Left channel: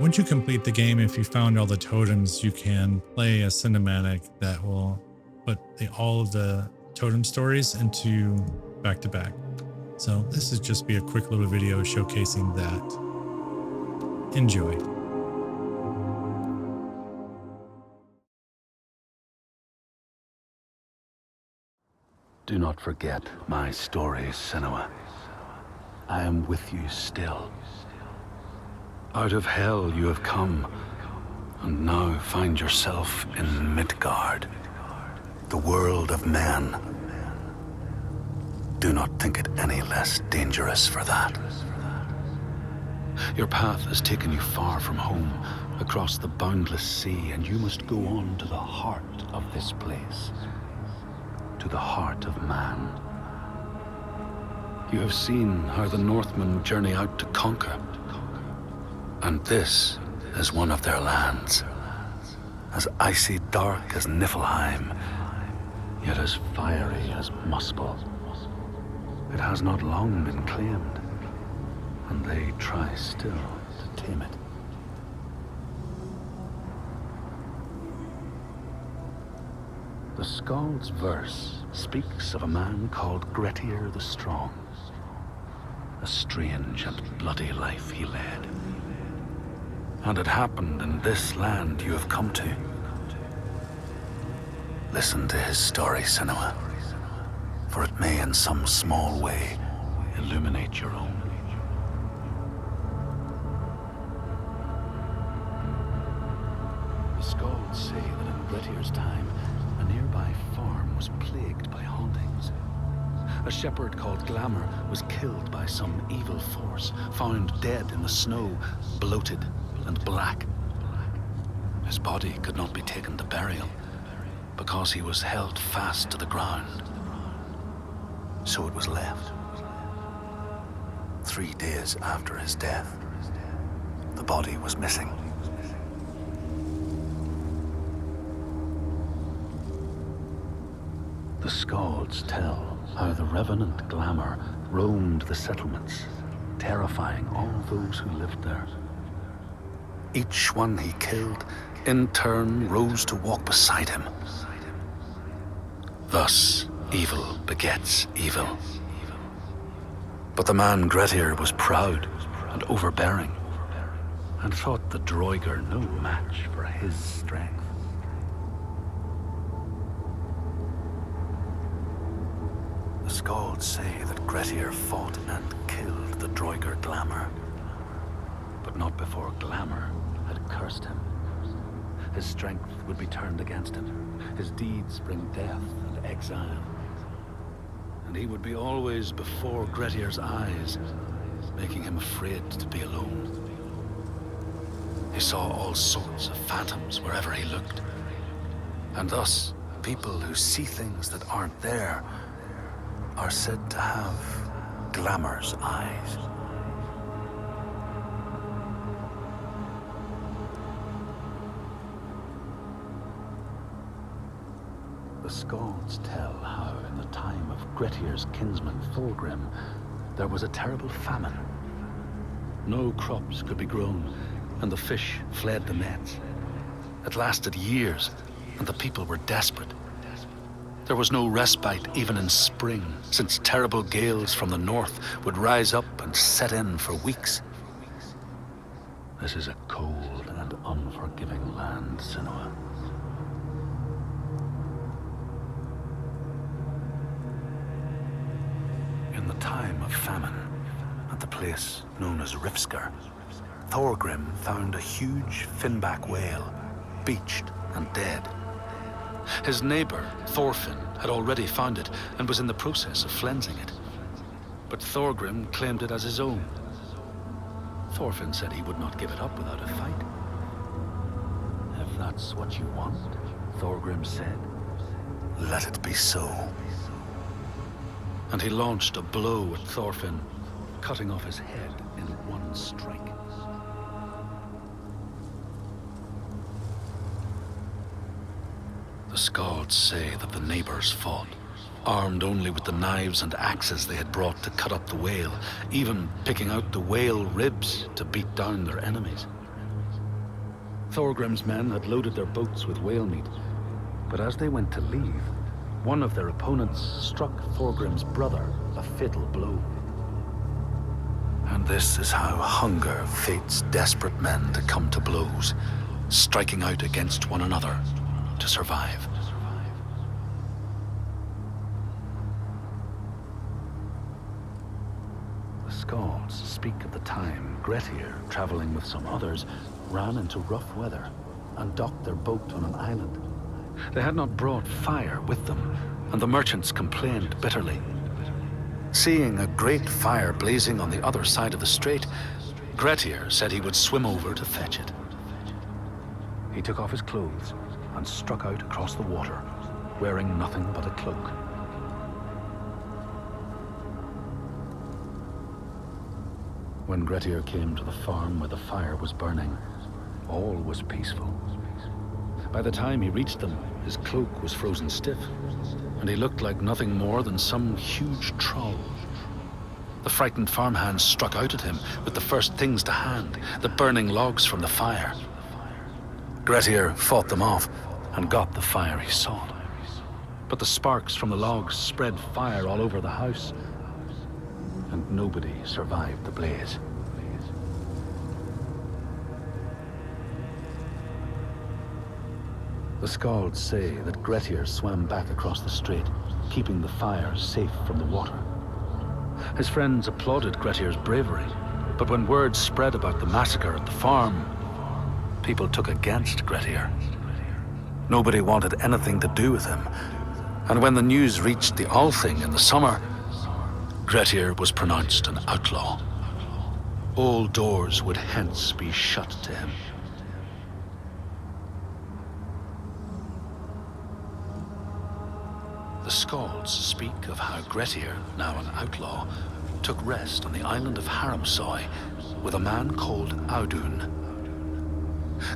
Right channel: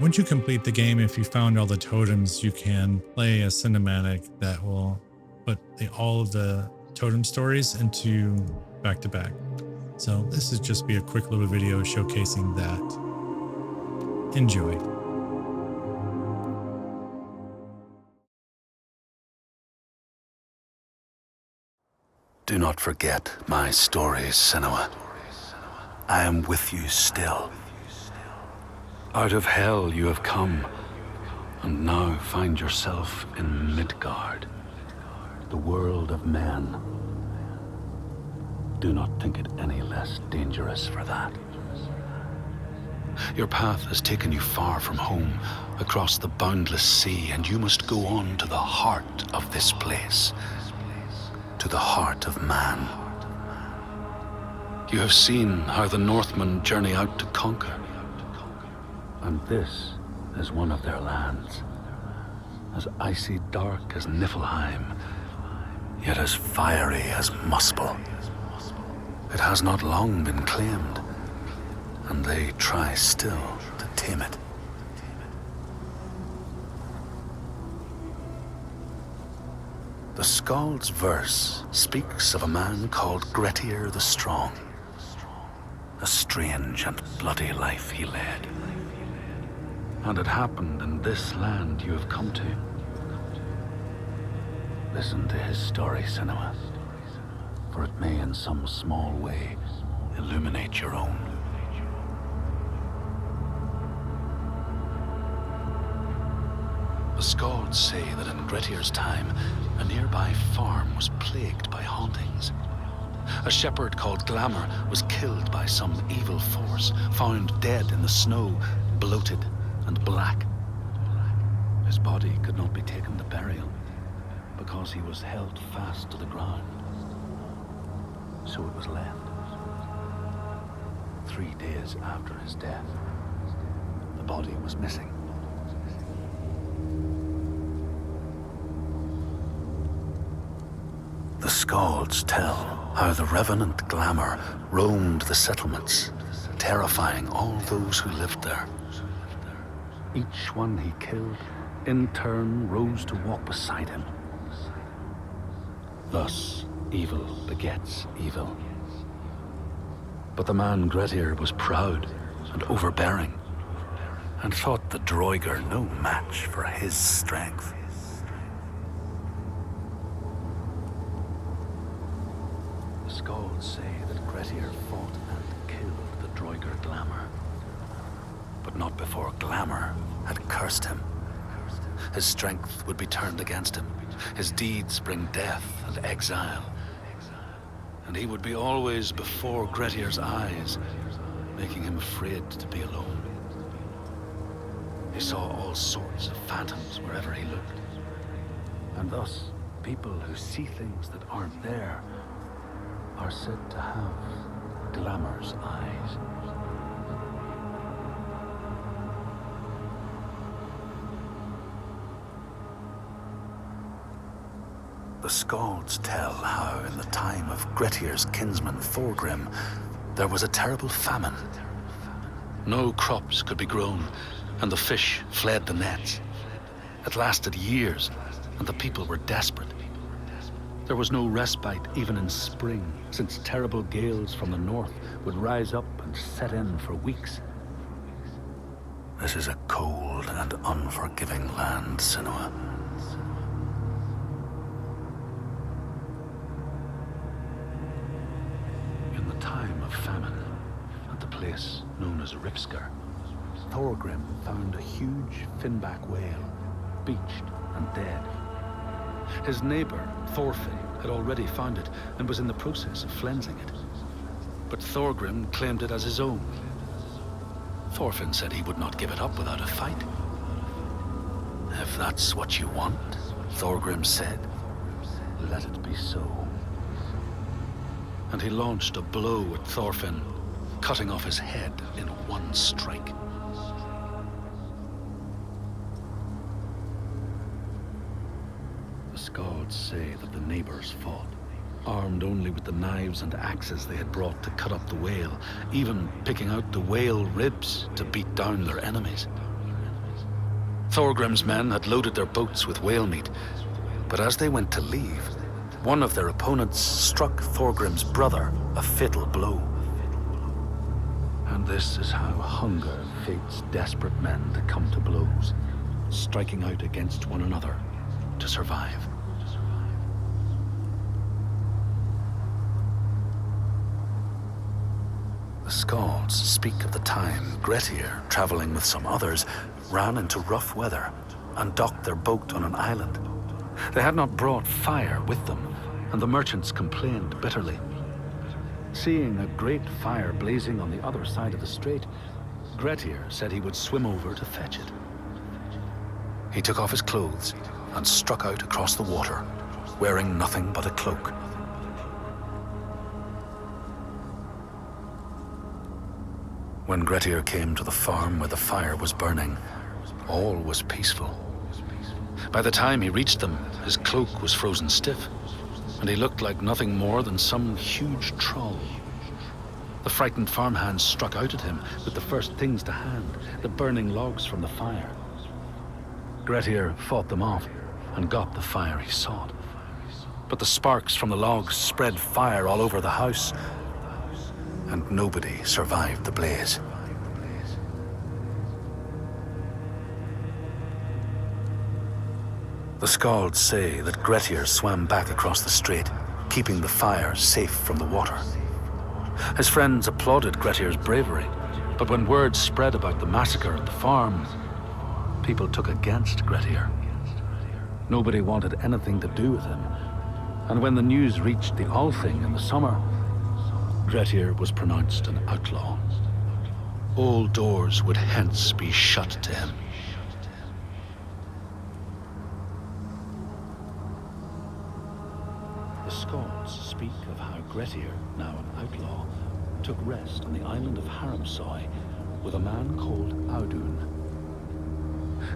Once you complete the game, if you found all the totems, you can play a cinematic that will put all of the totem stories into back-to-back. So this is just be a quick little video showcasing that. Enjoy. Do not forget my stories, Senua. I am with you still. Out of hell you have come, and now find yourself in Midgard, the world of men. Do not think it any less dangerous for that. Your path has taken you far from home, across the boundless sea, and you must go on to the heart of this place, to the heart of man. You have seen how the Northmen journey out to conquer, and this is one of their lands, as icy dark as Niflheim, yet as fiery as Muspel. It has not long been claimed, and they try still to tame it. The Skald's verse speaks of a man called Grettir the Strong. A strange and bloody life he led. And it happened in this land you have come to. Listen to his story, Senua, for it may in some small way illuminate your own. The Skalds say that in Grettir's time, a nearby farm was plagued by hauntings. A shepherd called Glamour was killed by some evil force, found dead in the snow, bloated and black. His body could not be taken to burial because he was held fast to the ground. So it was left. 3 days after his death, the body was missing. The Skalds tell how the revenant Glamour roamed the settlements, terrifying all those who lived there. Each one he killed, in turn, rose to walk beside him. Thus, evil begets evil. But the man Grettir was proud and overbearing, and thought the Droiger no match for his strength. The Skalds say that Grettir fought and killed the Droiger Glamour, but not before Glamour had cursed him. His strength would be turned against him, his deeds bring death and exile, and he would be always before Grettir's eyes, making him afraid to be alone. He saw all sorts of phantoms wherever he looked, and thus people who see things that aren't there are said to have Glamour's eyes. The Skalds tell how in the time of Grettir's kinsman Thorgrim, there was a terrible famine. No crops could be grown, and the fish fled the nets. It lasted years, and the people were desperate. There was no respite even in spring, since terrible gales from the north would rise up and set in for weeks. This is a cold and unforgiving land, Senua. In the time of famine, at the place known as Rifskar, Thorgrim found a huge finback whale, beached and dead. His neighbor, Thorfinn, had already found it and was in the process of flensing it. But Thorgrim claimed it as his own. Thorfinn said he would not give it up without a fight. If that's what you want, Thorgrim said, let it be so. And he launched a blow at Thorfinn, cutting off his head in one strike. The Skalds say that the neighbors fought, armed only with the knives and axes they had brought to cut up the whale, even picking out the whale ribs to beat down their enemies. Thorgrim's men had loaded their boats with whale meat, but as they went to leave, one of their opponents struck Thorgrim's brother a fatal blow. And this is how hunger fates desperate men to come to blows, striking out against one another to survive. The Skalds speak of the time Grettir, traveling with some others, ran into rough weather and docked their boat on an island. They had not brought fire with them, and the merchants complained bitterly. Seeing a great fire blazing on the other side of the strait, Grettir said he would swim over to fetch it. He took off his clothes and struck out across the water, wearing nothing but a cloak. When Grettir came to the farm where the fire was burning, all was peaceful. By the time he reached them, his cloak was frozen stiff, and he looked like nothing more than some huge troll. The frightened farmhands struck out at him with the first things to hand, the burning logs from the fire. Grettir fought them off and got the fire he sought. But the sparks from the logs spread fire all over the house, and nobody survived the blaze. The Skalds say that Grettir swam back across the strait, keeping the fire safe from the water. His friends applauded Grettir's bravery, but when word spread about the massacre at the farm, people took against Grettir. Nobody wanted anything to do with him, and when the news reached the Althing in the summer, Grettir was pronounced an outlaw. All doors would hence be shut to him. The Skalds speak of how Grettir, now an outlaw, took rest on the island of Haramsoy with a man called Audun.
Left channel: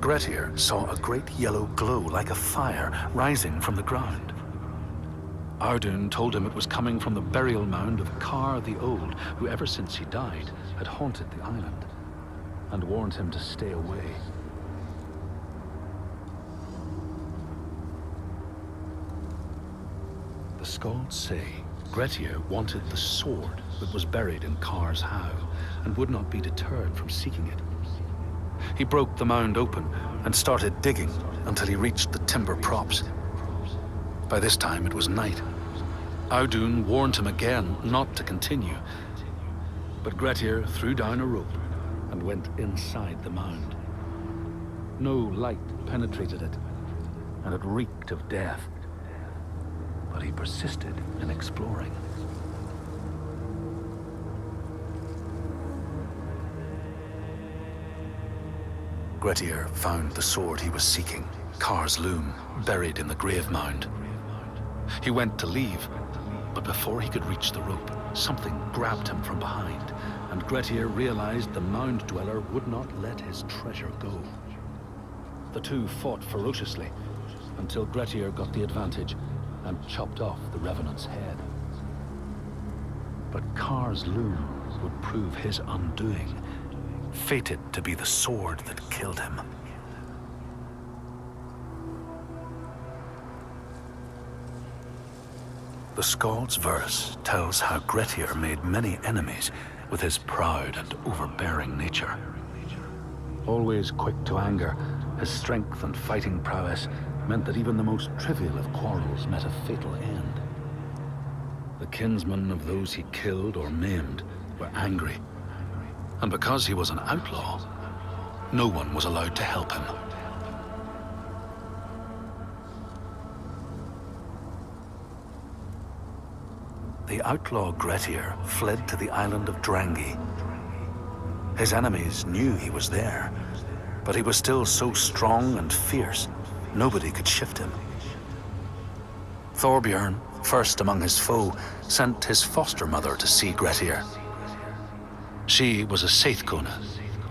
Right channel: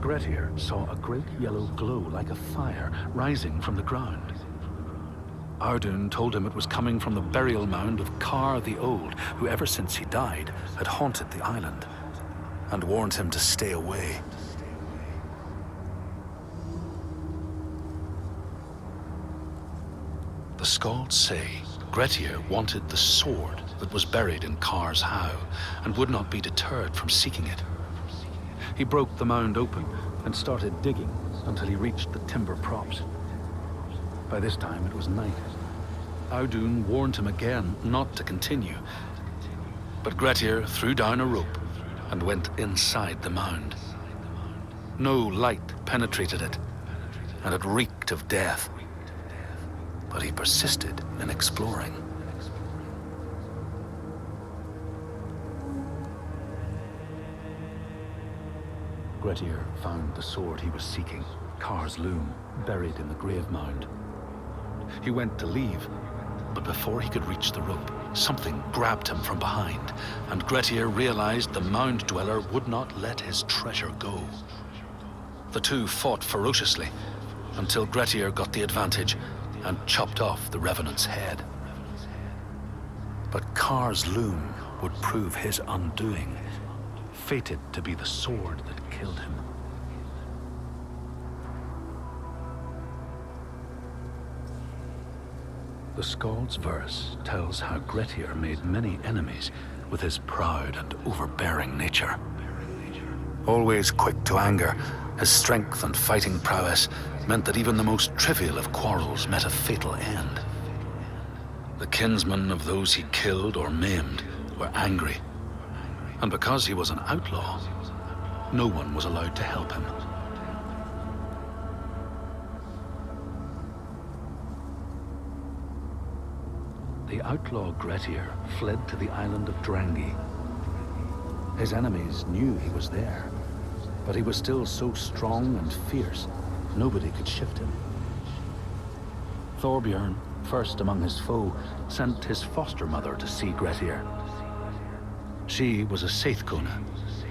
Grettir saw a great yellow glow like a fire rising from the ground. Audun told him it was coming from the burial mound of Kar the Old, who ever since he died had haunted the island, and warned him to stay away. The Skalds say Grettir wanted the sword that was buried in Kar's howe, and would not be deterred from seeking it. He broke the mound open and started digging until he reached the timber props. By this time it was night. Audun warned him again not to continue, but Grettir threw down a rope and went inside the mound. No light penetrated it, and it reeked of death. But he persisted in exploring. Grettir found the sword he was seeking, Kar's loom, buried in the grave mound. He went to leave, but before he could reach the rope, something grabbed him from behind, and Grettir realized the mound dweller would not let his treasure go. The two fought ferociously until Grettir got the advantage and chopped off the revenant's head. But Kar's loom would prove his undoing, fated to be the sword that killed him. The Skald's verse tells how Grettir made many enemies with his proud and overbearing nature. Always quick to anger, his strength and fighting prowess meant that even the most trivial of quarrels met a fatal end. The kinsmen of those he killed or maimed were angry, and because he was an outlaw, no one was allowed to help him. The outlaw Grettir fled to the island of Drangi. His enemies knew he was there, but he was still so strong and fierce, nobody could shift him. Thorbjorn, first among his foe, sent his foster mother to see Grettir. She was a Seithkona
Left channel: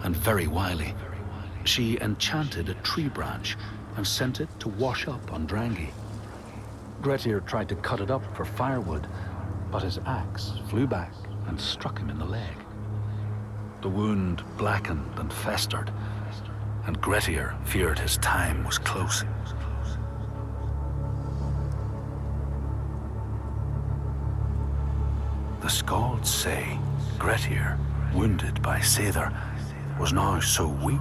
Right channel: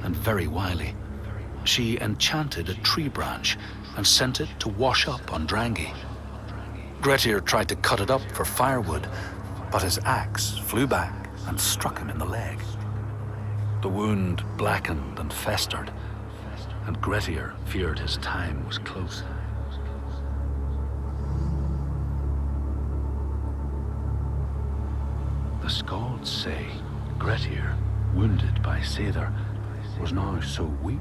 and very wily. She enchanted a tree branch and sent it to wash up on Drangi. Grettir tried to cut it up for firewood, but his axe flew back and struck him in the leg. The wound blackened and festered, and Grettir feared his time was close. The Skalds say Grettir, wounded by Seidr, was now so weak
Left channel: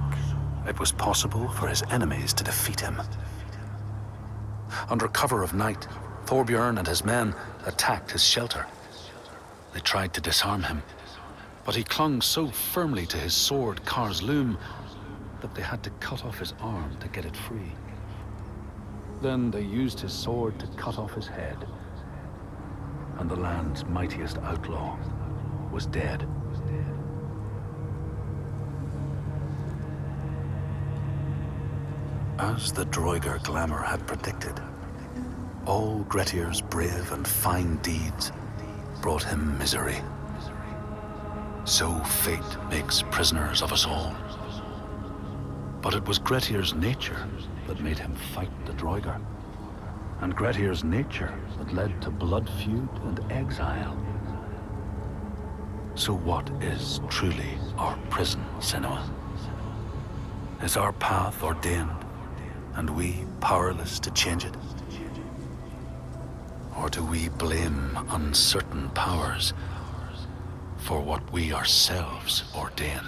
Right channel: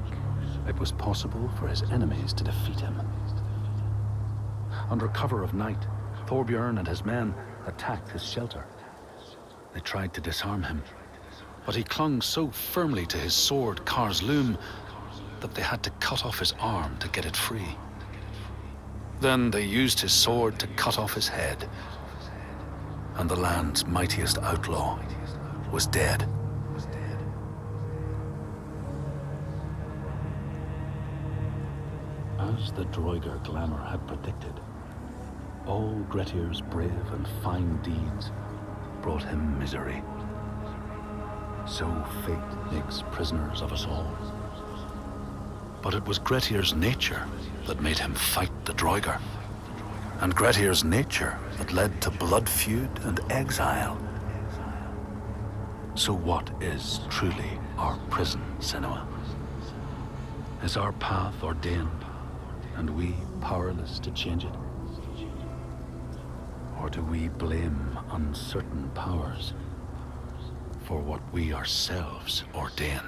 it was possible for his enemies to defeat him. Under cover of night, Thorbjorn and his men attacked his shelter. They tried to disarm him, but he clung so firmly to his sword, Kar's Loom, that they had to cut off his arm to get it free. Then they used his sword to cut off his head, and the land's mightiest outlaw was dead. As the Droigar glamour had predicted, all Grettir's brave and fine deeds brought him misery. So fate makes prisoners of us all. But it was Grettir's nature that made him fight the Droigar, and Grettir's nature that led to blood feud and exile. So what is truly our prison, Senua? Is our path ordained, and we powerless to change it? Or do we blame uncertain powers for what we ourselves ordain?